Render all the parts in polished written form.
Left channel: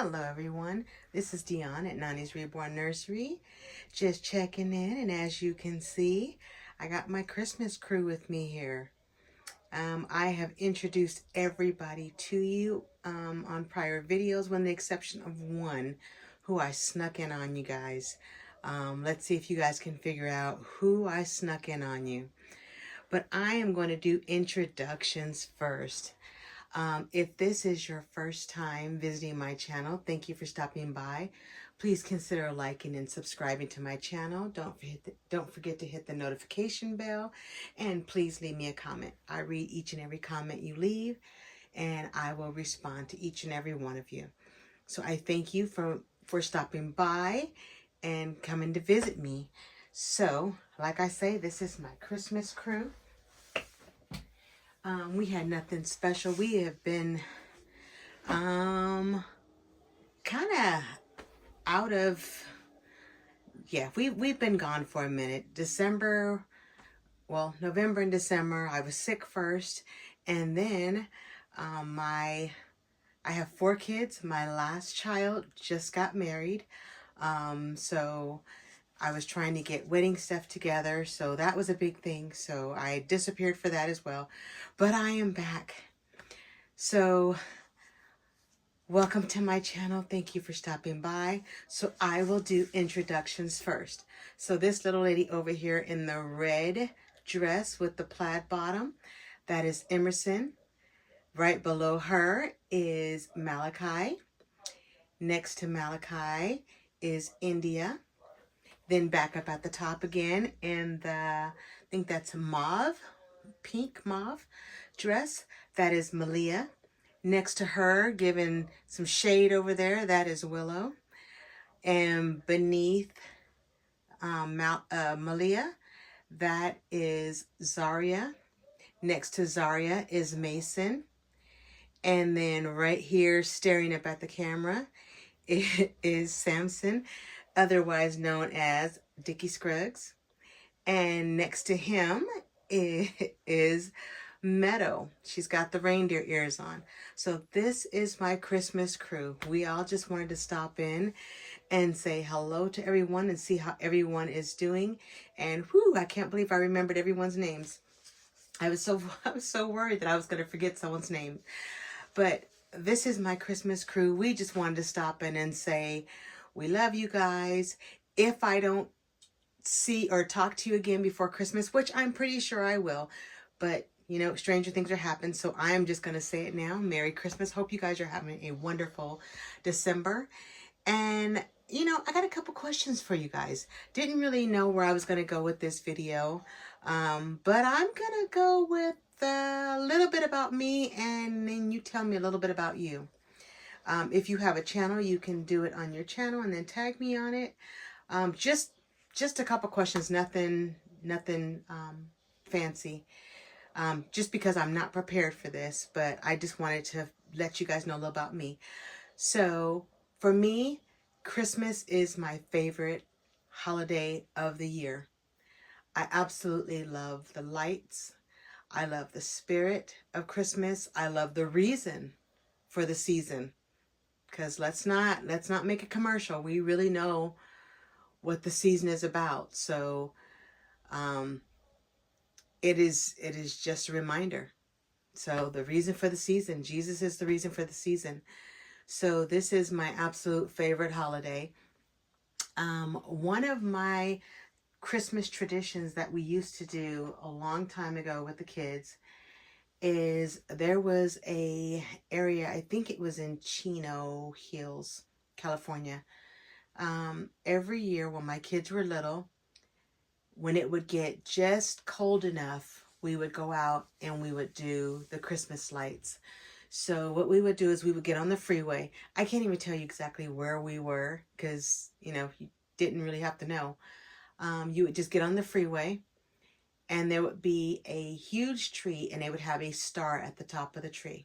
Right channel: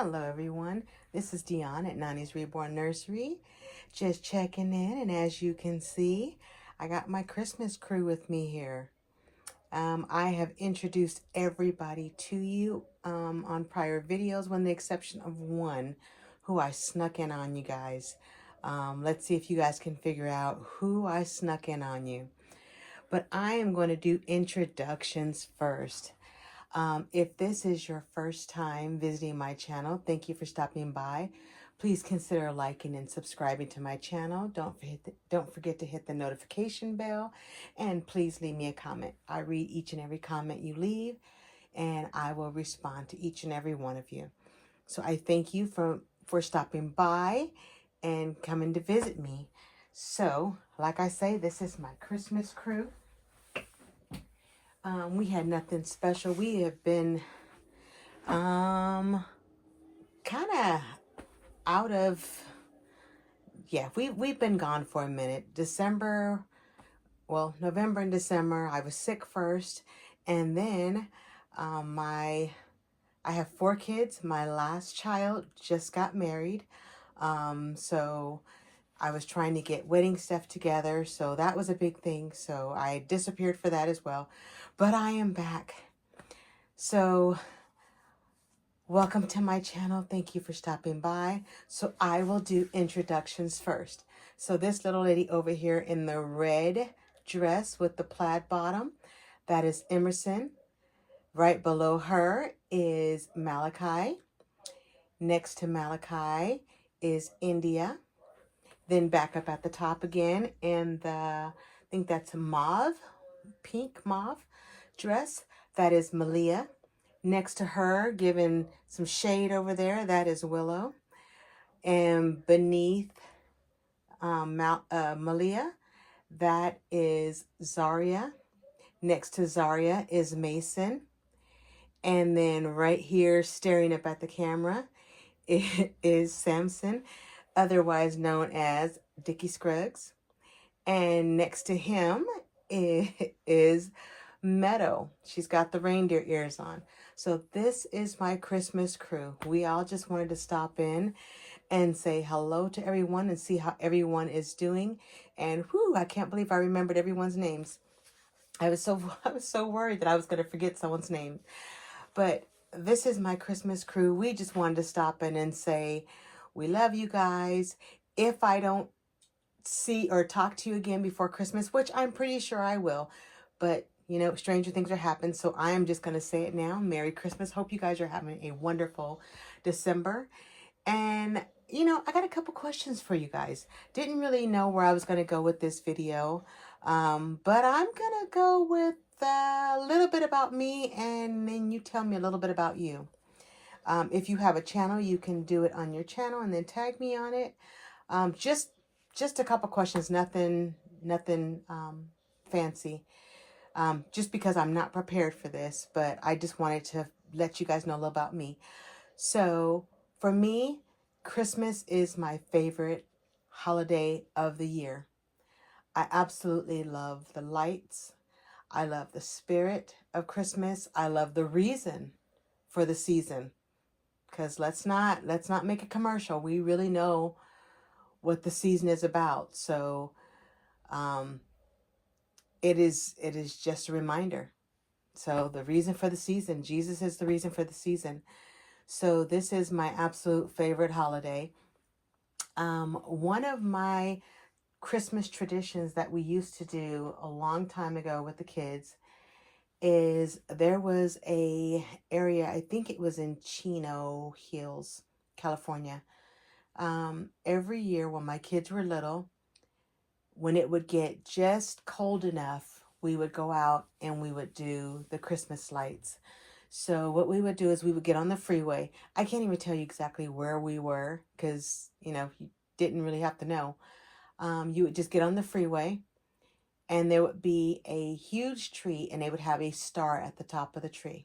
Hello everyone, this is Dion at Nani's Reborn Nursery. Just checking in, and as you can see, I got my Christmas crew with me here. I have introduced everybody to you on prior videos, with the exception of one who I snuck in on you guys. Let's see if you guys can figure out who I snuck in on you. But I am going to do introductions first. If this is your first time visiting my channel, thank you for stopping by. Please consider liking and subscribing to my channel. Don't forget to hit the notification bell, and please leave me a comment. I read each and every comment you leave, and I will respond to each and every one of you. So I thank you for stopping by and coming to visit me. So, like I say, this is my Christmas crew. We had nothing special. We have been kind of out of, we've been gone for a minute. November and December, I was sick first, and then I have 4 kids. My last child just got married, so I was trying to get wedding stuff together, so that was a big thing. So I disappeared for that as well, but I am back. So welcome to my channel. Thank you for stopping by. So I will do introductions first. So this little lady over here in the red dress with the plaid bottom, that is Emerson. Right below her is Malachi. Next to Malachi is India. Then back up at the top again in the, I think that's a pink mauve dress, that is Malia. Next to her, giving some shade over there, that is Willow. And beneath Malia, that is Zaria. Next to Zaria is Mason. And then right here, staring up at the camera, is Samson, otherwise known as Dickie Scruggs. And next to him is Meadow. She's got the reindeer ears on. So this is my Christmas crew. We all just wanted to stop in and say hello to everyone and see how everyone is doing. And whew, I can't believe I remembered everyone's names. I was so worried that I was going to forget someone's name. But this is my Christmas crew. We just wanted to stop in and say we love you guys. If I don't see or talk to you again before Christmas, which I'm pretty sure I will, but you know, stranger things are happening, so I am just going to say it now. Merry Christmas. Hope you guys are having a wonderful December. And, you know, I got a couple questions for you guys. Didn't really know where I was going to go with this video, but I'm going to go with a little bit about me, and then you tell me a little bit about you. If you have a channel, you can do it on your channel and then tag me on it. Just a couple questions, nothing fancy. Just because I'm not prepared for this, but I just wanted to let you guys know a little about me. So for me, Christmas is my favorite holiday of the year. I absolutely love the lights. I love the spirit of Christmas. I love the reason for the season, because let's not make a commercial. We really know what the season is about. So it is just a reminder. So the reason for the season, Jesus is the reason for the season. So this is my absolute favorite holiday. One of my Christmas traditions that we used to do a long time ago with the kids is there was a area, I think it was in Chino Hills, California. Every year when my kids were little, when it would get just cold enough, we would go out and we would do the Christmas lights. So what we would do is we would get on the freeway. I can't even tell you exactly where we were because, you know, you didn't really have to know. You would just get on the freeway, and there would be a huge tree, and they would have a star at the top of the tree.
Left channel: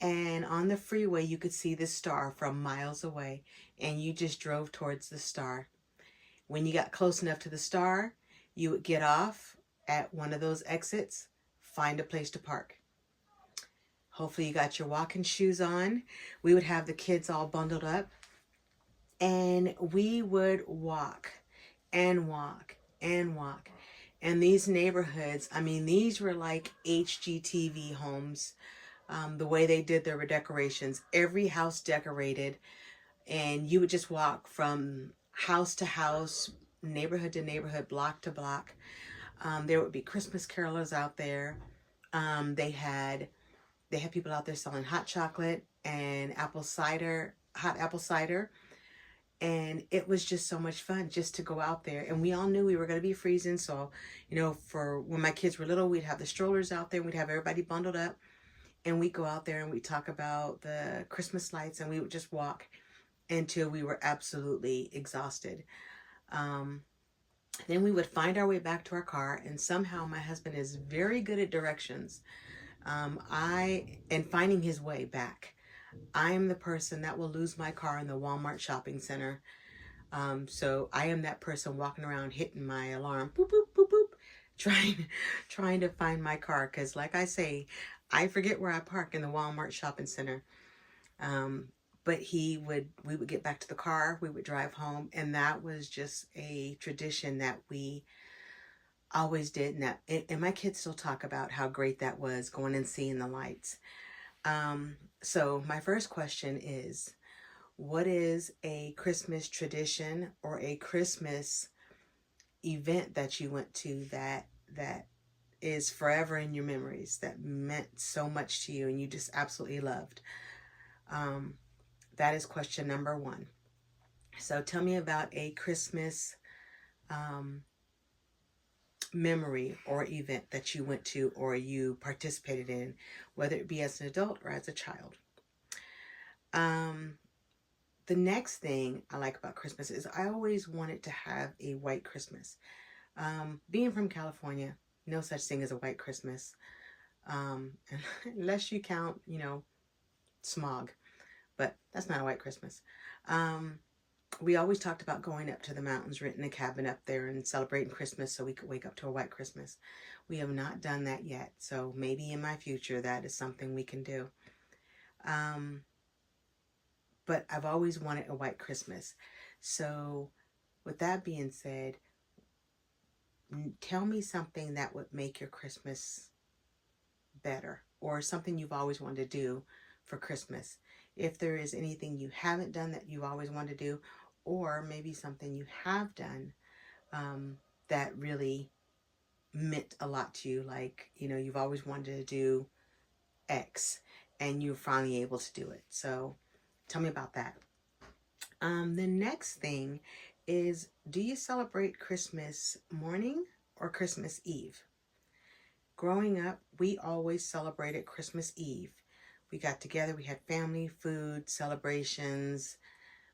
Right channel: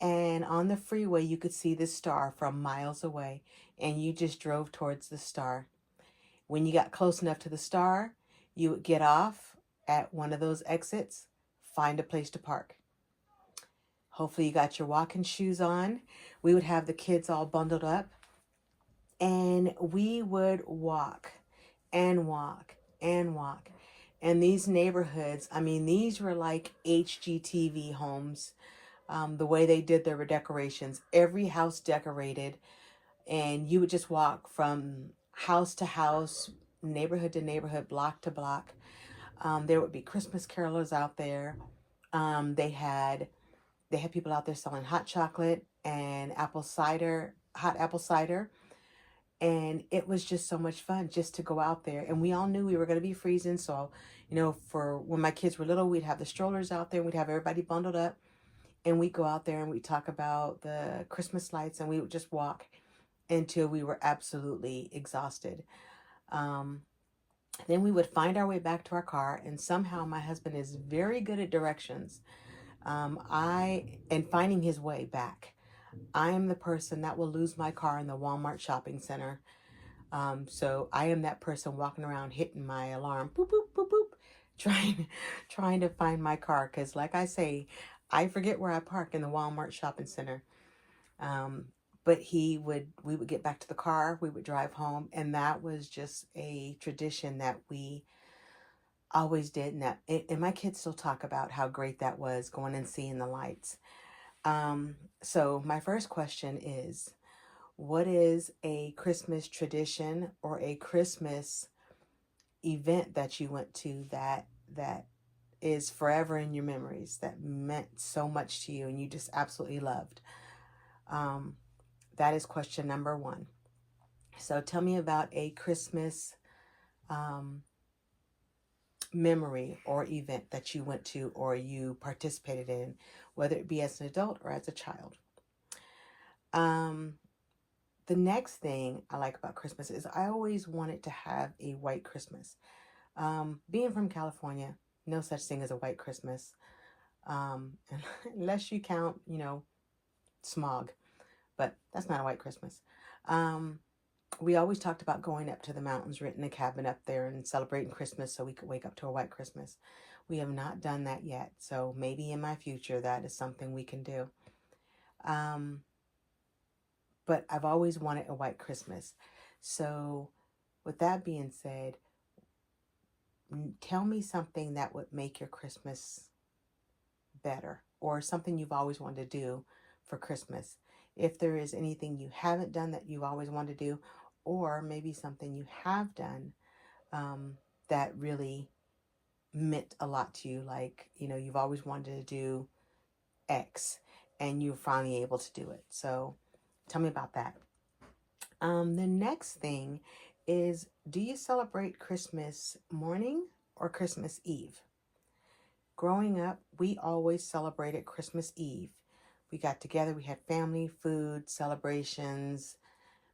And on the freeway, you could see the star from miles away, and you just drove towards the star. When you got close enough to the star, you would get off at one of those exits, find a place to park. Hopefully you got your walking shoes on. We would have the kids all bundled up and we would walk and walk and walk. And these neighborhoods, I mean, these were like HGTV homes. The way they did their decorations, every house decorated, and you would just walk from house to house, neighborhood to neighborhood, block to block. There would be Christmas carolers out there. They had people out there selling hot chocolate and apple cider, hot apple cider. And it was just so much fun just to go out there. And we all knew we were going to be freezing. So, for when my kids were little, we'd have the strollers out there. We'd have everybody bundled up. And we'd go out there and we'd talk about the Christmas lights. And we would just walk until we were absolutely exhausted. Then we would find our way back to our car. And somehow my husband is very good at directions. And finding his way back. I am the person that will lose my car in the Walmart shopping center. So I am that person walking around hitting my alarm, boop, boop, boop, boop, trying to find my car. Because like I say, I forget where I park in the Walmart shopping center. But we would get back to the car, we would drive home. And that was just a tradition that we always did. And my kids still talk about how great that was, going and seeing the lights. So my first question is, what is a Christmas tradition or a Christmas event that you went to that is forever in your memories, that meant so much to you and you just absolutely loved? That is question number 1. So tell me about a Christmas memory or event that you went to or you participated in, whether it be as an adult or as a child. The next thing I like about Christmas is I always wanted to have a white Christmas. Being from California, no such thing as a white Christmas. Unless you count, smog, but that's not a white Christmas. We always talked about going up to the mountains, renting a cabin up there and celebrating Christmas so we could wake up to a white Christmas. We have not done that yet. So maybe in my future, that is something we can do. But I've always wanted a white Christmas. So with that being said, tell me something that would make your Christmas better, or something you've always wanted to do for Christmas. If there is anything you haven't done that you always wanted to do, or maybe something you have done that really meant a lot to you, like, you've always wanted to do X and you're finally able to do it. So tell me about that. The next thing is, do you celebrate Christmas morning or Christmas Eve? Growing up, we always celebrated Christmas Eve. We got together, we had family, food, celebrations,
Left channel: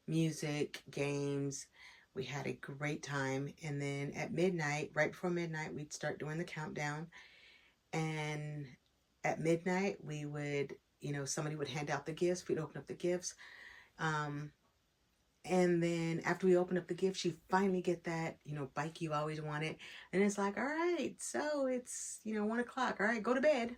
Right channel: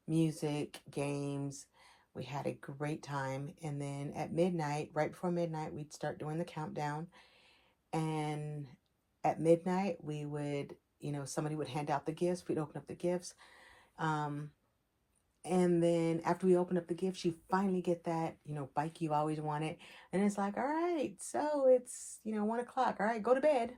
music, games. We had a great time. And then at midnight, right before midnight, we'd start doing the countdown. And at midnight, we would, somebody would hand out the gifts. We'd open up the gifts. And then after we open up the gifts, you finally get that, bike you always wanted. And it's like, all right, so it's, 1 o'clock. All right, go to bed.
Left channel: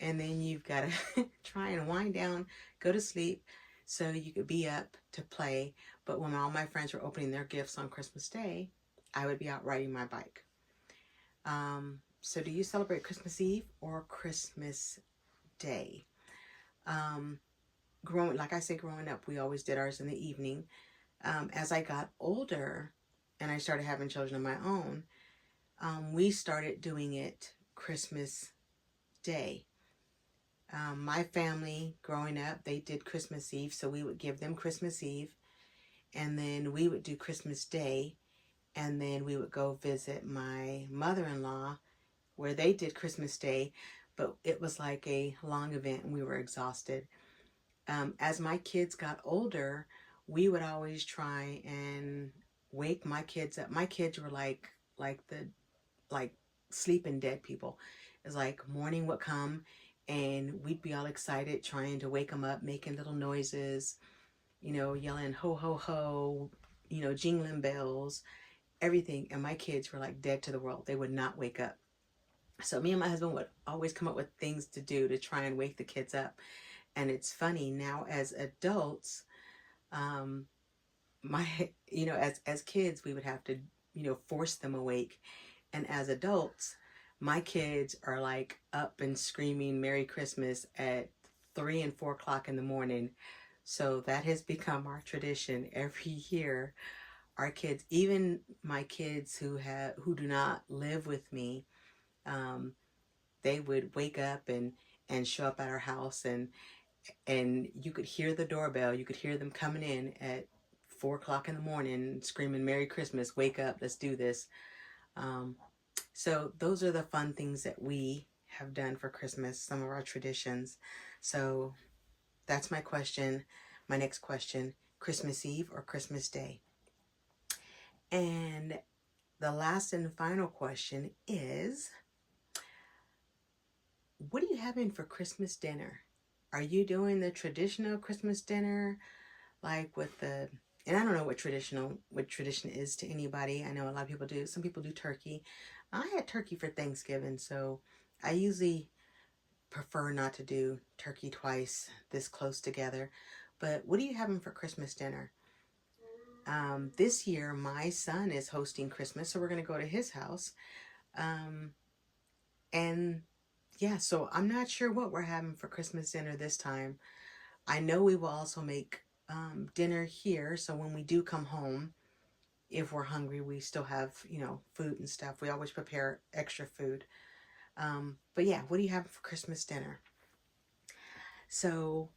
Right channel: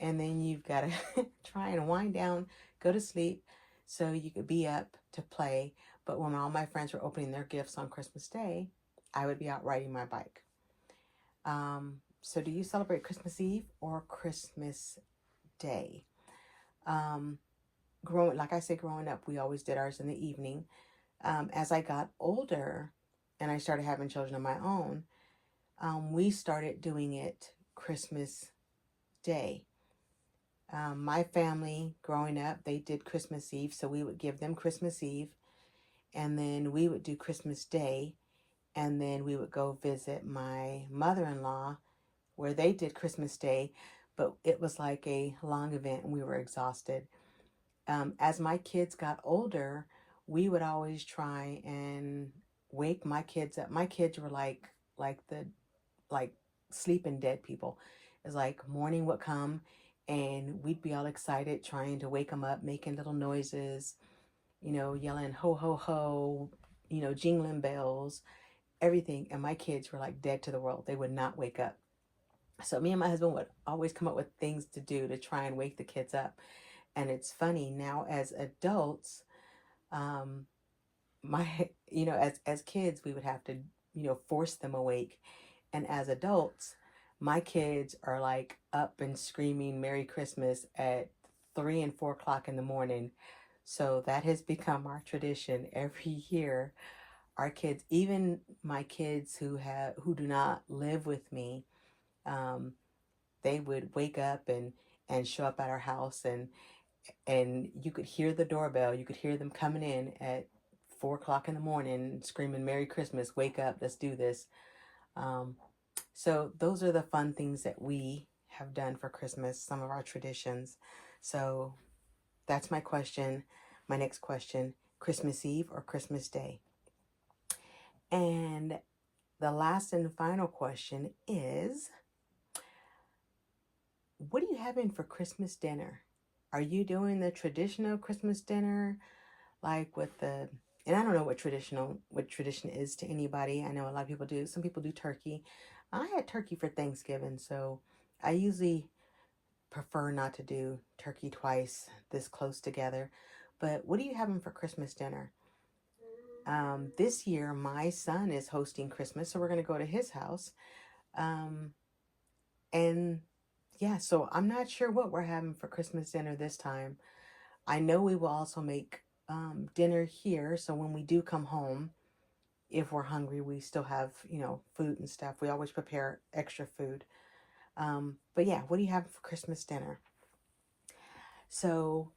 And then you've got to try and wind down, go to sleep so you could be up to play. But when all my friends were opening their gifts on Christmas Day, I would be out riding my bike. So do you celebrate Christmas Eve or Christmas Day? Growing up, we always did ours in the evening. As I got older and I started having children of my own, we started doing it Christmas Day. My family growing up, they did Christmas Eve, so we would give them Christmas Eve, and then we would do Christmas Day, and then we would go visit my mother-in-law where they did Christmas Day, but it was like a long event and we were exhausted. As my kids got older, we would always try and wake my kids up. My kids were like sleeping dead people. It's like morning would come and we'd be all excited trying to wake them up, making little noises, yelling ho, ho, ho, jingling bells, everything. And my kids were like dead to the world. They would not wake up. So me and my husband would always come up with things to do to try and wake the kids up. And it's funny now as adults, um, my as kids we would have to force them awake, and as adults my kids are like up and screaming Merry Christmas at 3 and 4 o'clock in the morning. So that has become our tradition every year. Our kids, even my kids who do not live with me, um, they would wake up and show up at our house, and you could hear the doorbell. You could hear them coming in at 4 o'clock in the morning screaming Merry Christmas, wake up, let's do this. um, so those are the fun things that we have done for Christmas, some of our traditions. So that's my question. My next question: Christmas Eve or Christmas Day? And the last and final question is, what are you having for Christmas dinner? Are you doing the traditional Christmas dinner, like with the, and I don't know what tradition is to anybody. I know a lot of people do. Some people do turkey. I had turkey for Thanksgiving, so I usually prefer not to do turkey twice this close together. But what are you having for Christmas dinner? This year, my son is hosting Christmas, so we're going to go to his house. Um, and yeah, so I'm not sure what we're having for Christmas dinner this time. I know we will also make dinner here, so when we do come home, if we're hungry, we still have, food and stuff. We always prepare extra food. But yeah, what do you have for Christmas dinner? So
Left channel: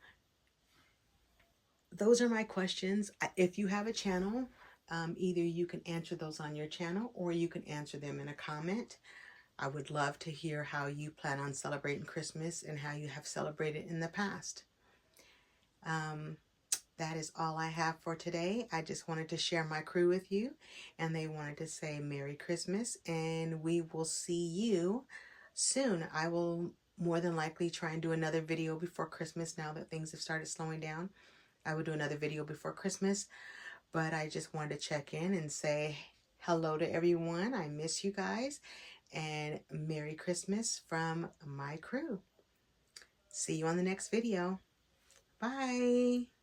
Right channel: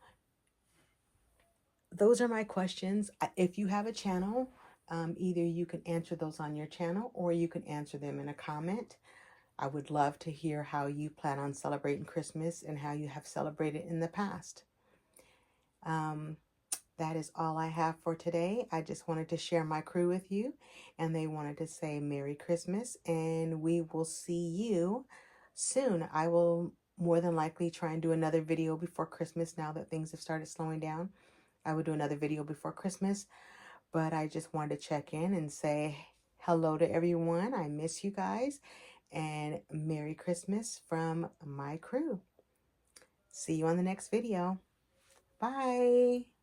those are my questions. If you have a channel, either you can answer those on your channel or you can answer them in a comment. I would love to hear how you plan on celebrating Christmas and how you have celebrated in the past. Um, that is all I have for today. I just wanted to share my crew with you, and they wanted to say Merry Christmas, and we will see you soon. I will more than likely try and do another video before Christmas now that things have started slowing down. I will do another video before Christmas, but I just wanted to check in and say hello to everyone. I miss you guys, and Merry Christmas from my crew. See you on the next video. Bye.